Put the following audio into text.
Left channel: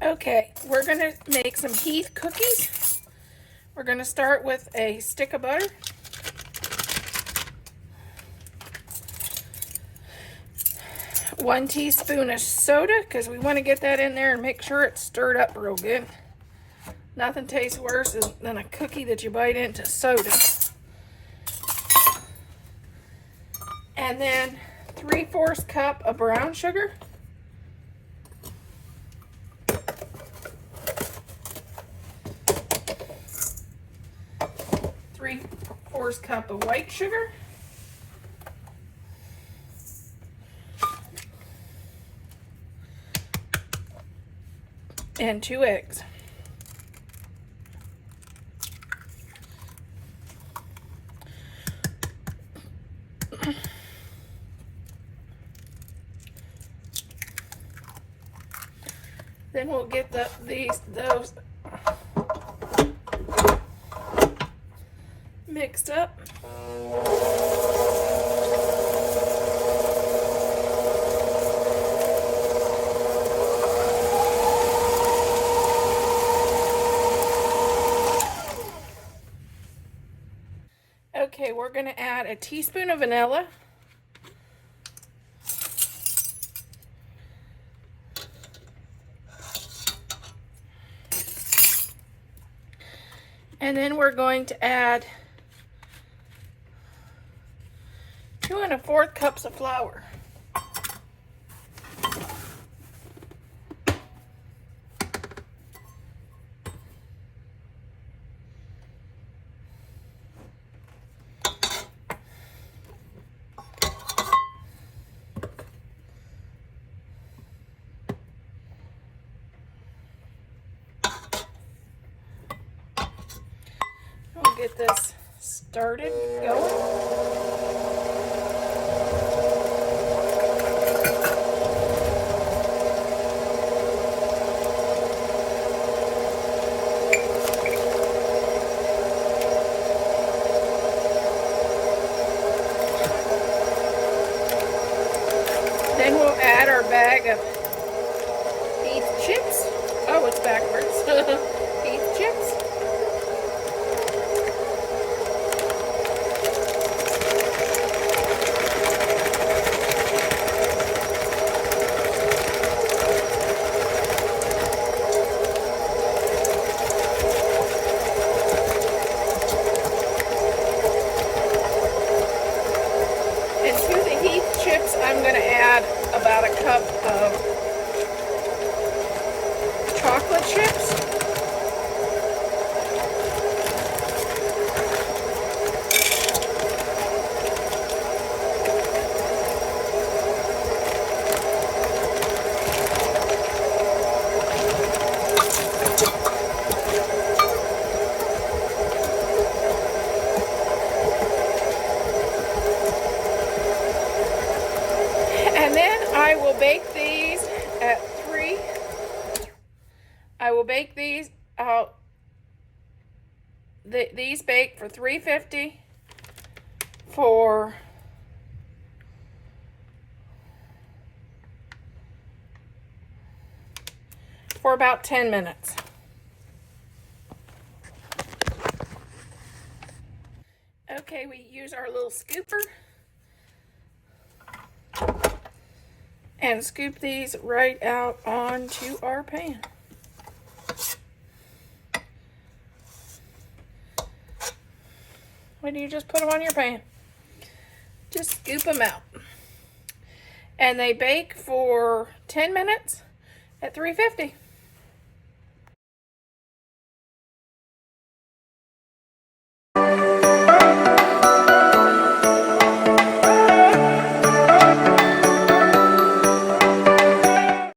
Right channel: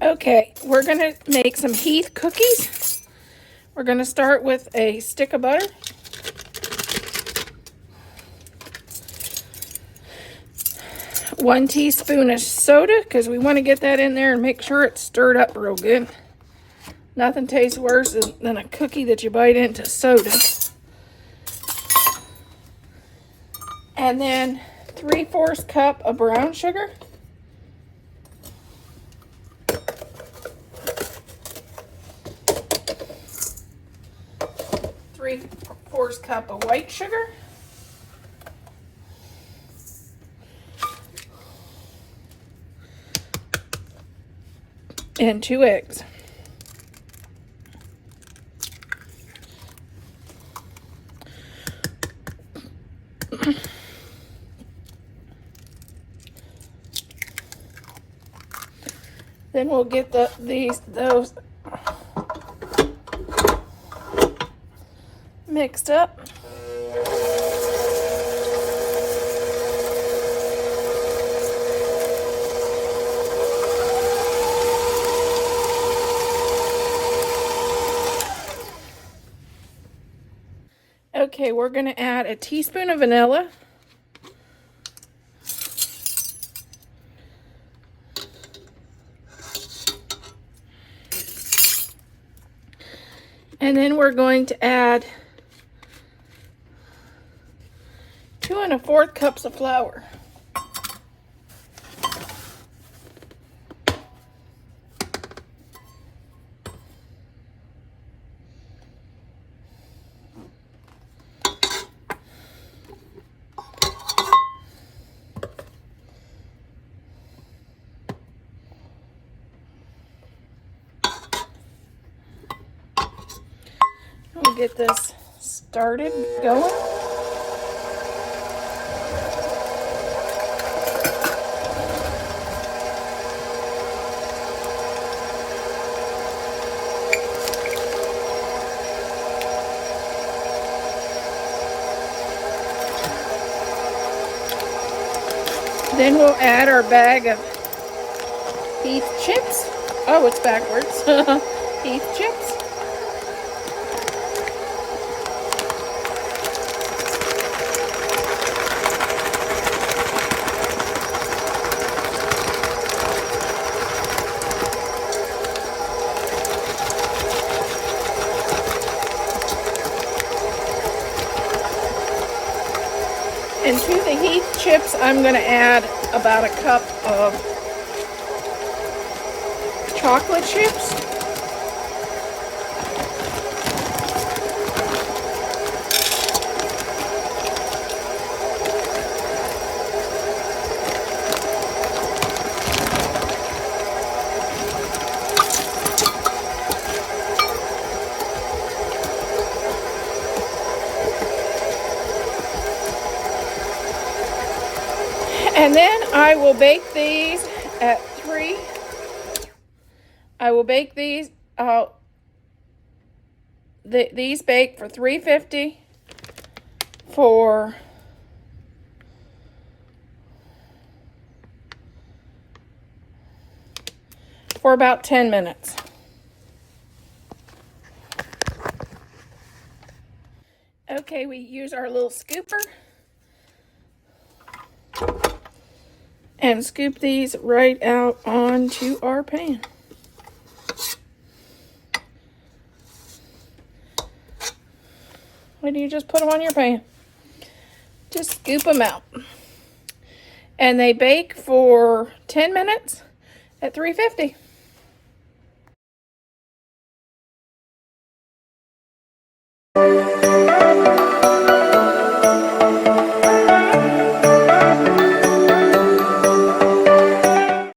Okay, we're gonna make some Heath cookies. We're gonna start with a stick of butter. One teaspoon of soda, because we want to get that in there and make sure it's stirred up real good. Nothing tastes worse than a cookie that you bite into soda. And then 3/4 cup of brown sugar. 3/4 cup of white sugar. And 2 eggs. Then we'll get those mixed up. Okay, we're going to add a teaspoon of vanilla. And then we're going to add 2 1/4 cups of flour. We'll get this started going. Then we'll add our bag of heath chips. Oh, it's backwards. Heath chips. And to the heath chips, I'm going to add about a cup of chocolate chips. And then I will bake these at 3. I will bake these these bake for 350 for about 10 minutes. Okay, we use our little scooper and scoop these right out onto our pan. When you just put them on your pan, just scoop them out. And they bake for 10 minutes at 350.